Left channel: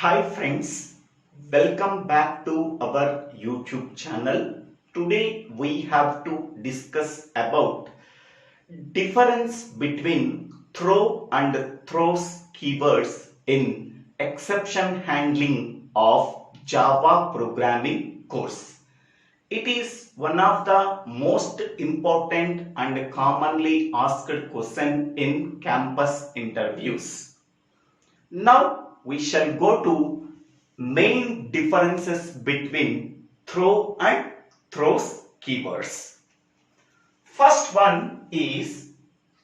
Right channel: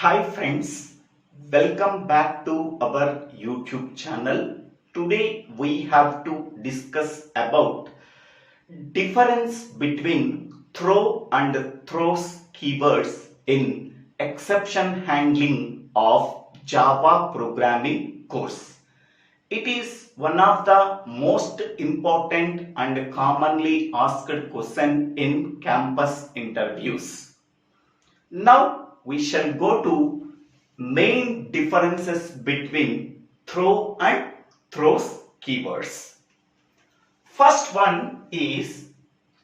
Hi friends, welcome back to our YouTube channel. Today we have to discuss about difference between throw and throws keywords in exception handling of Java programming course. It is one of the most important and commonly asked question in campus interviews. Now we shall go to main differences between throw and throws keywords. First one is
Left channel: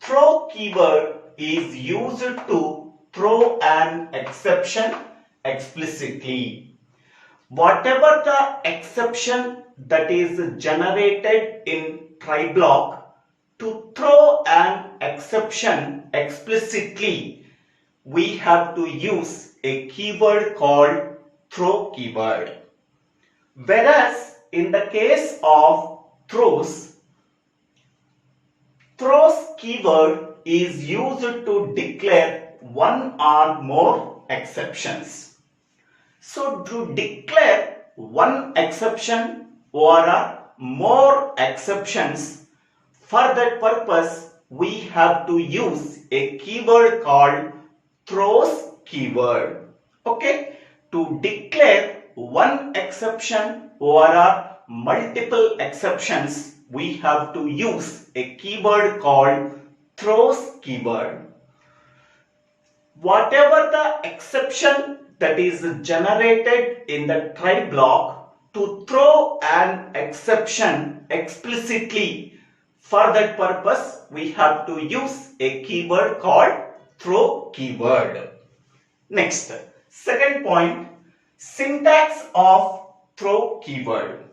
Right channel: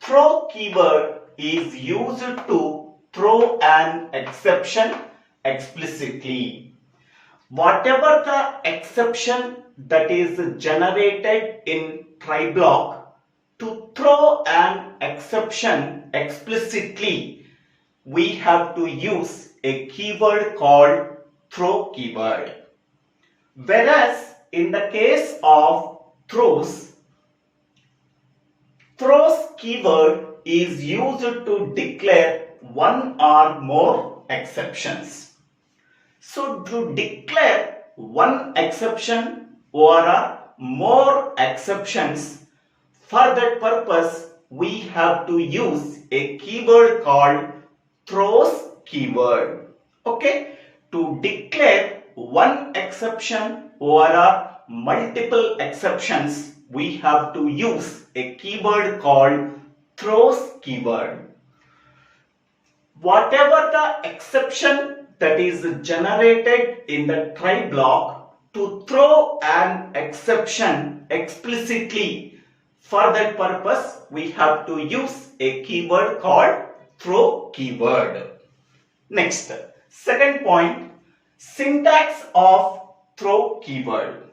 throw keyword is used to throw an exception explicitly. Whatever the exception that is generated in try block, to throw an exception explicitly, we have to use a keyword called throw keyword. Whereas in the case of throws keyword is used to declare one or more exceptions. So to declare one exception or more exceptions, for that purpose we have to use a keyword called throws keyword. Okay, to declare one exception or multiple exceptions, we have to use a keyword called throws keyword. Whatever the exception that is generated in the try block, to throw an exception explicitly, for that purpose we have to use a keyword called throw keyword. Next, second point, syntax of throw keyword.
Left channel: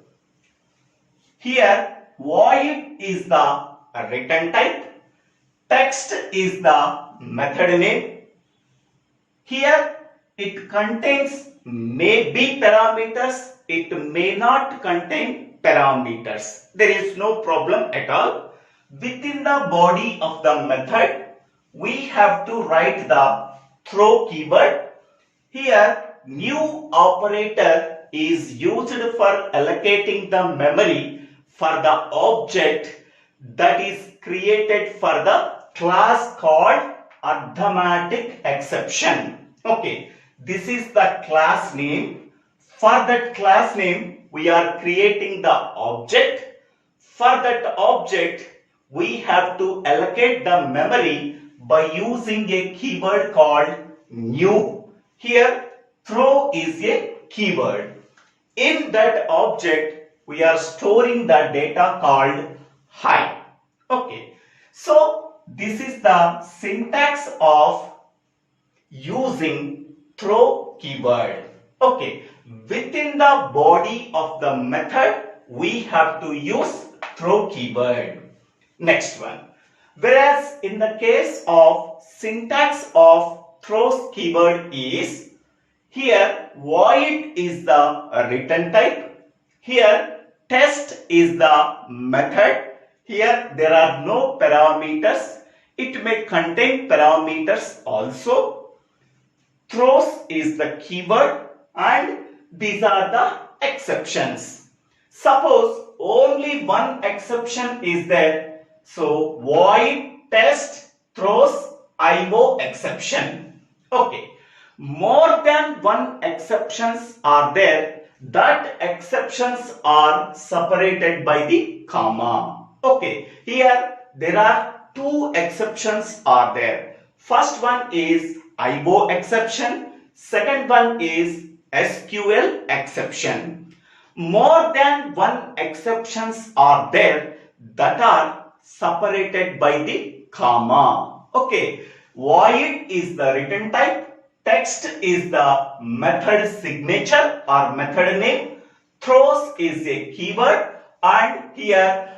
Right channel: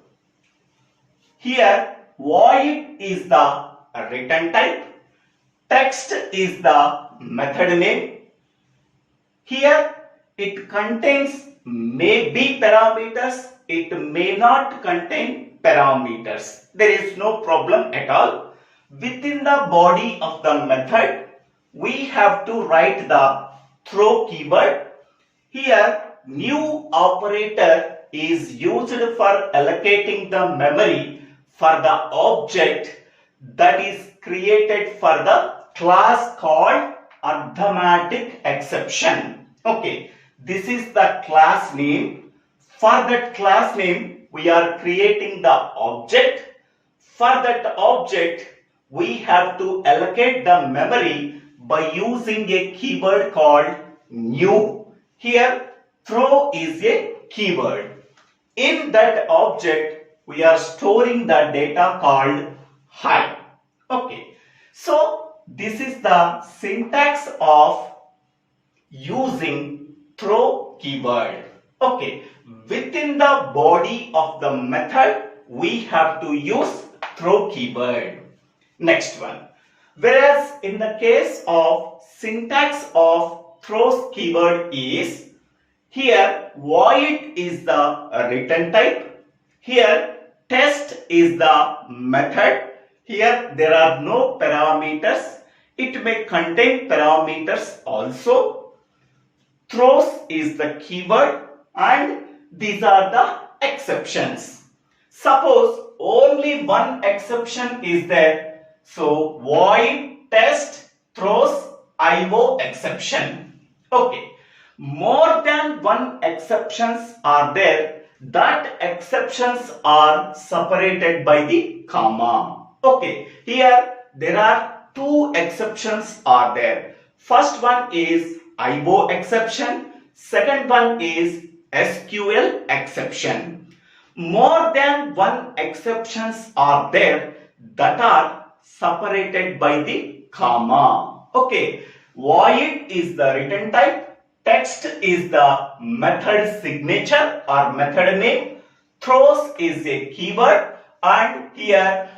Here void is the return type, text is the method name. Here it contains may be parameters, it may not contain parameters. There is no problem at all. Within the body of the method, we have to write the throw keyword. Here new operator is used for allocating the memory for the object that is created for the class called arithmetic exception. Okay, this is the class name. For that class name we are creating the object. For that object we have to allocate the memory by using a keyword called new. Here throw is a keyword. In that object we are storing the data called hi. Okay, so this is the syntax of using throw keyword. Okay, within the body of the method we have to use throw keyword. Next one, whereas in the case of syntax of throws keyword is, here void is the return type, here test is the method, here there are no parameters, it may contain parameters also, throws is the keyword, and these are the exceptions. Suppose only one exception is there, so void test throws IO exception. Okay, more than one exceptions are there, that exceptions are separated by the comma. Okay, here there are two exceptions are there. First one is IO exception, second one is SQL exception. More than one exceptions are there that are separated by the comma. Okay, void is the return type, text is the method signature or method name, throws is a keyword, and here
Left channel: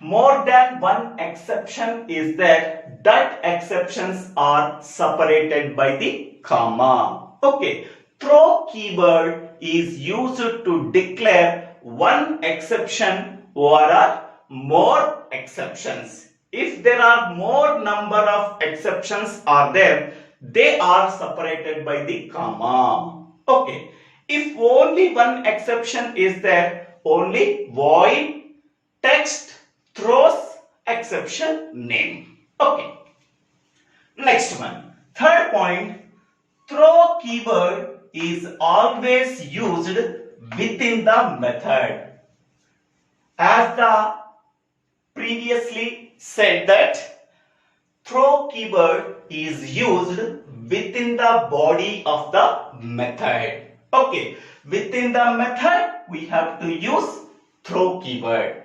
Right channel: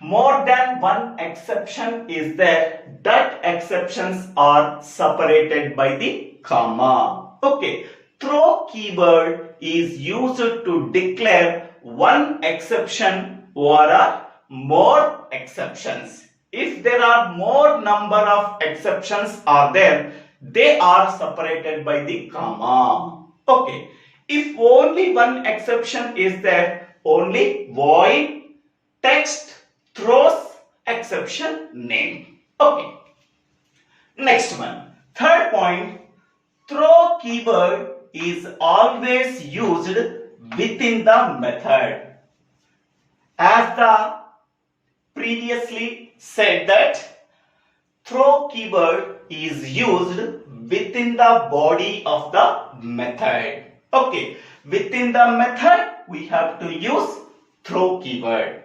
more than one exception is there, that exceptions are separated by the comma. Okay, throw keyword is used to declare one exception or more exceptions. If there are more number of exceptions are there, they are separated by the comma. Okay. If only one exception is there, only void, text, throws, exception, name. Okay. Next one. Third point, throw keyword is always used within the method. As the previously said that throw keyword is used within the body of the method. Okay, within the method we have to use throw keyword.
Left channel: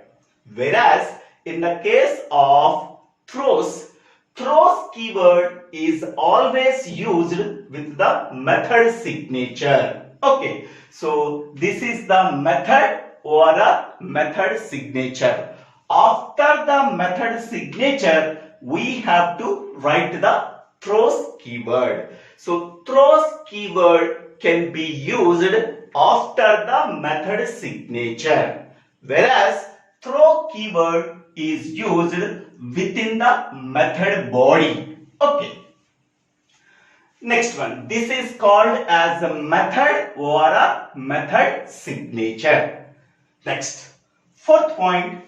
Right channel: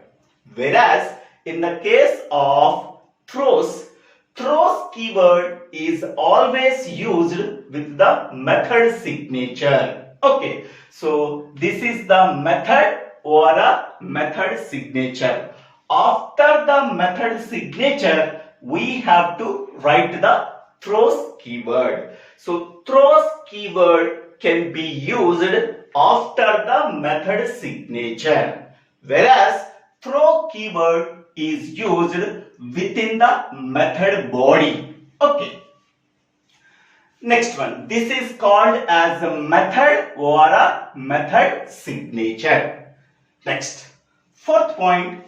Whereas in the case of throws keyword is always used with the method signature. Okay, so this is the method or a method signature. After the method signature, we have to write the throws keyword. So throws keyword can be used after the method signature, whereas throw keyword is used within the method body. Okay. Next one. This is called as a method or a method signature. Next. Fourth point.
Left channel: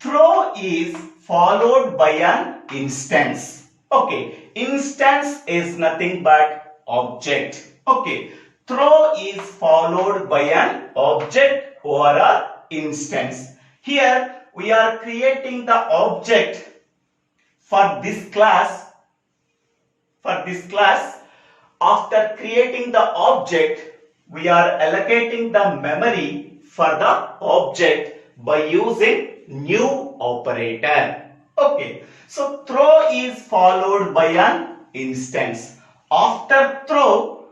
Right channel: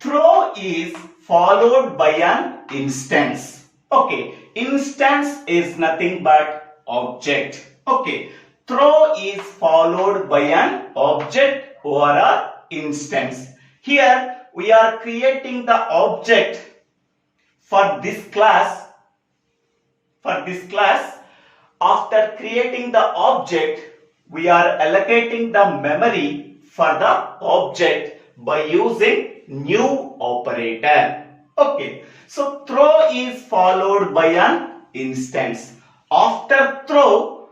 Throw is followed by an instance. Okay. Instance is nothing but object. Okay. Throw is followed by an object or a instance. Here we are creating the object for this class. After creating the object, we are allocating the memory for the object by using new operator. Okay, so throw is followed by an instance. After throw,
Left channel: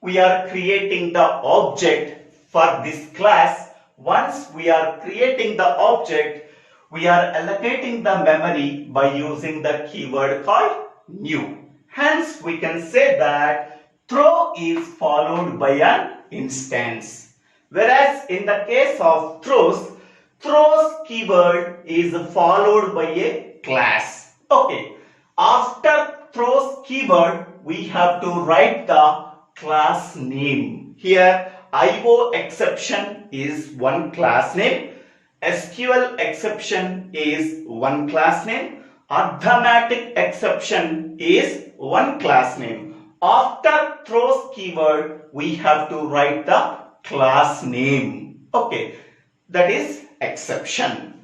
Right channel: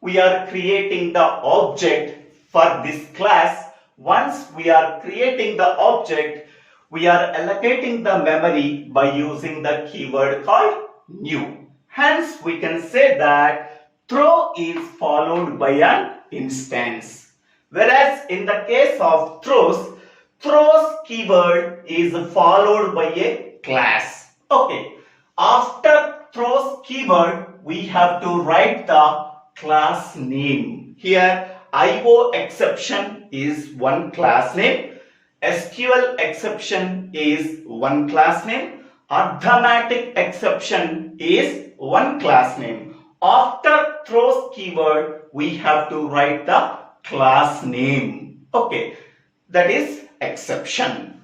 we are creating the object for this class. Once we are creating the object, we are allocating the memory by using the keyword called new. Hence, we can say that throw is followed by an instance. Whereas in the case of throws keyword is followed by a class. Okay. After throws keyword, we have to write the class name. Here, IO exception is one class name. SQL exception is one class name. Arithmetic exception is one class name. After throws keyword, we have to write the class name. Okay, that is exception.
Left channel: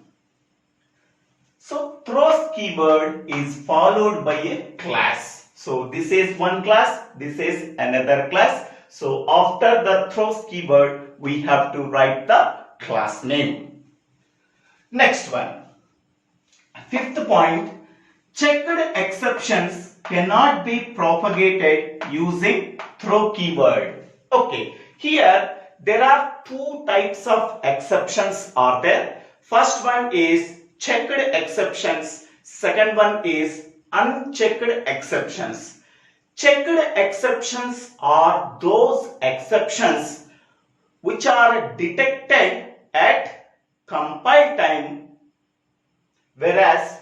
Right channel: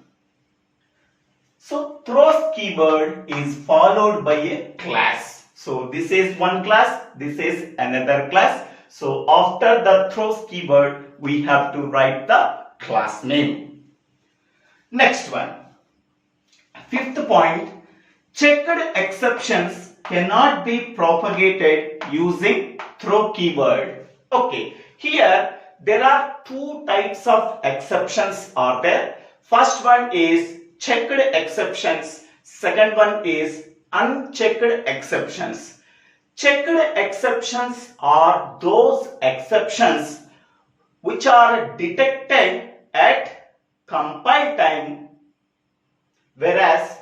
So throws keyword is followed by a class. So this is one class, this is another class. So after the throws keyword, we have to write the class name. Next one. Fifth point, checked exceptions cannot be propagated using throw keyword. Okay, here there are two types of exceptions are there. First one is checked exceptions. Second one is unchecked exceptions. Checked exceptions are those exceptions which are detected at compile time, whereas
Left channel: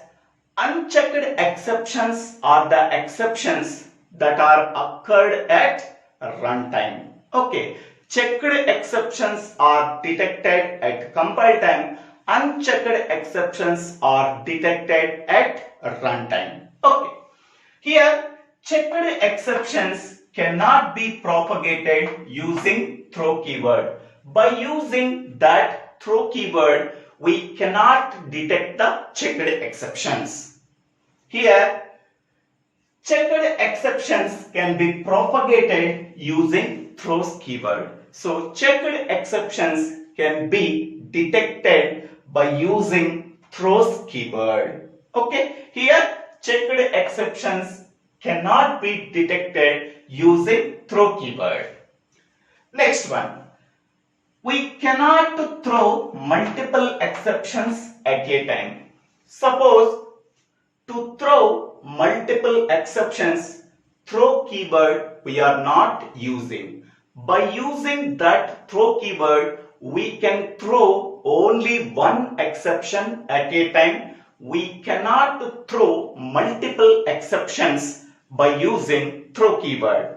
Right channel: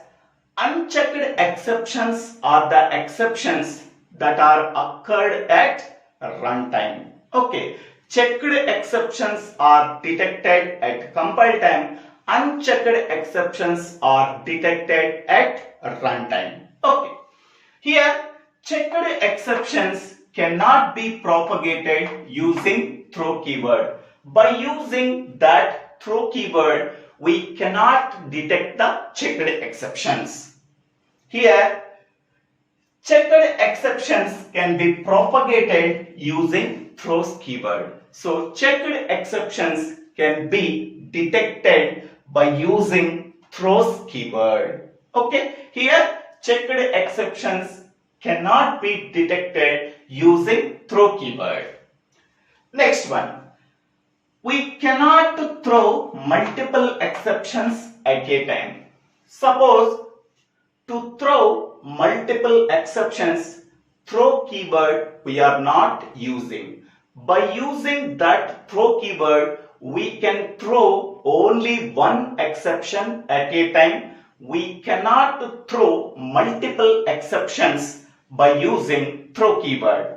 unchecked exceptions are the exceptions that are occurred at runtime. Okay, checked exceptions are detected at compile time. Unchecked exceptions are detected at runtime. Okay, here checked exceptions cannot be propagated using throw keyword. By using that throw keyword, we cannot detect the checked exceptions. Here, checked exceptions can be propagated using throws keyword. So, checked exceptions can be detected by using throws keyword. Okay, here checked exceptions cannot be detected using throw keyword. Next one. We cannot throw multiple exceptions at a time. Suppose to throw multiple exceptions, throw keyword we are not using. By using that throw keyword, we can throw only one exception at a time. We cannot throw multiple exceptions by using using throw keyword.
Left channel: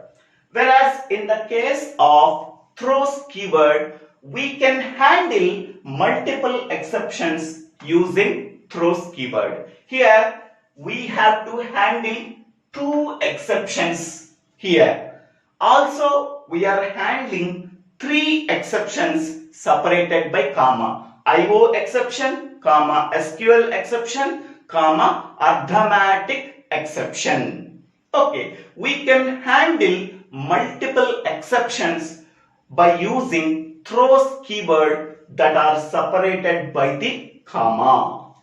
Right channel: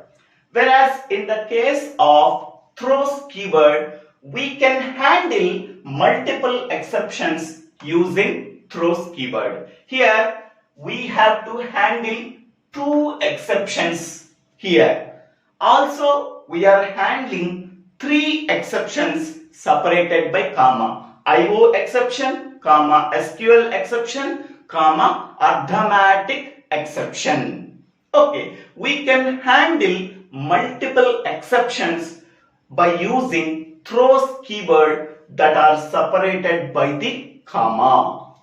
Whereas in the case of throws keyword, we can handle multiple exceptions using throws keyword. Here we have to handle two exceptions here. Also, we are handling three exceptions separated by comma. IO exception, comma, SQL exception, comma, arithmetic exception. Okay, we can handle multiple exceptions by using throws keyword that are separated by the comma.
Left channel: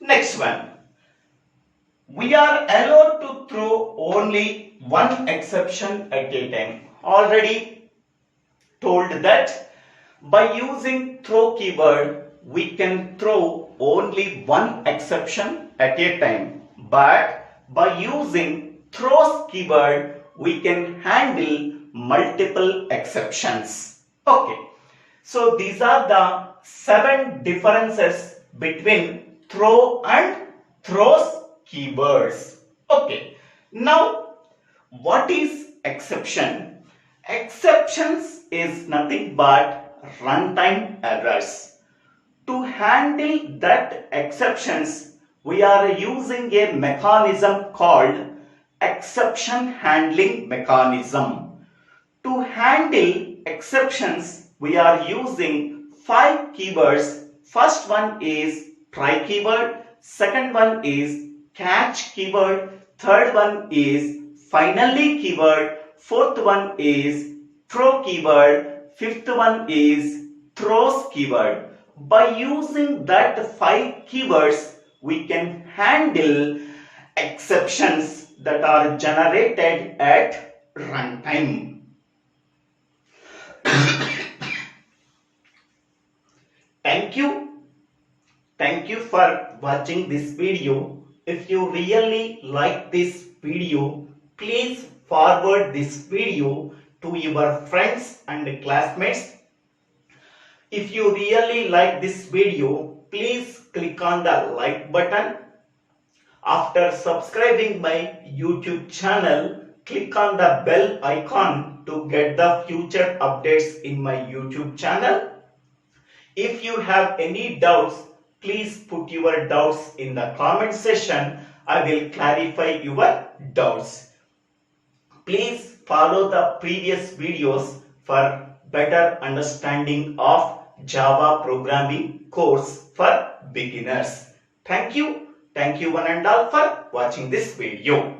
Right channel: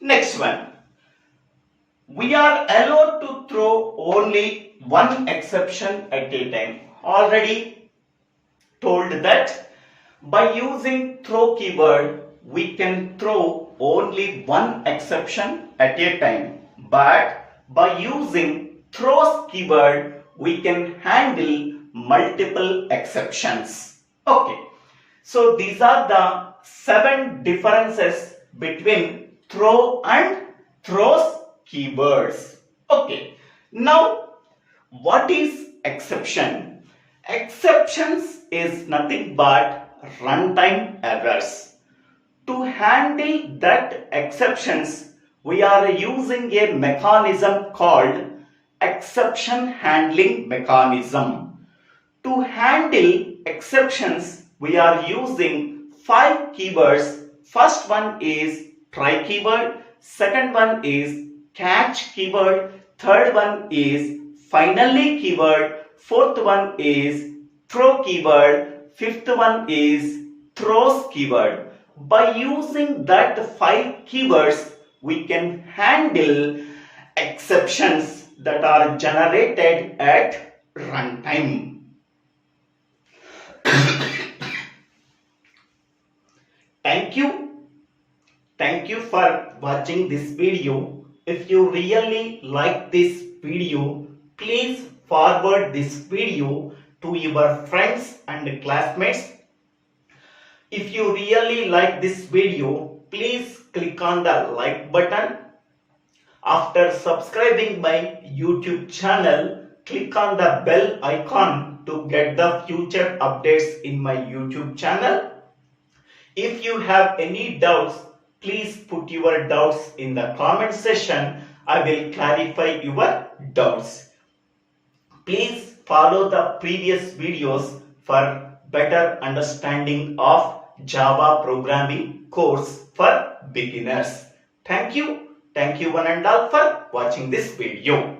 Next one. We are allowed to throw only one exception at a time. Already told that by using throw keyword, we can throw only one exception at a time. But by using throws keyword, we can handle multiple exceptions. Okay. So these are the 7 differences between throw and throws keywords. Okay. Now, what is exception? Exceptions is nothing but runtime errors. To handle that exceptions, we are using a mechanism called exception handling mechanism. To handle exceptions, we are using 5 keywords. First one is try keyword, second one is catch keyword, third one is finally keyword, fourth one is throw keyword, fifth one is throws keyword. By using that 5 keywords, we can handle exceptions that are generated at runtime. Thank you. Thank you for watching this video. If you really like this video, please forward this video to your friends and classmates. If you really like this video, please click on the like button. After subscribing my YouTube channel, click on the bell icon to get the future updates in my YouTube channel. If you have any doubts, please put your doubts in the comment section. I will clarify your doubts. Please follow the previous videos for better understanding of Java programming course for beginners. Thank you. Thank you one and all for watching this video.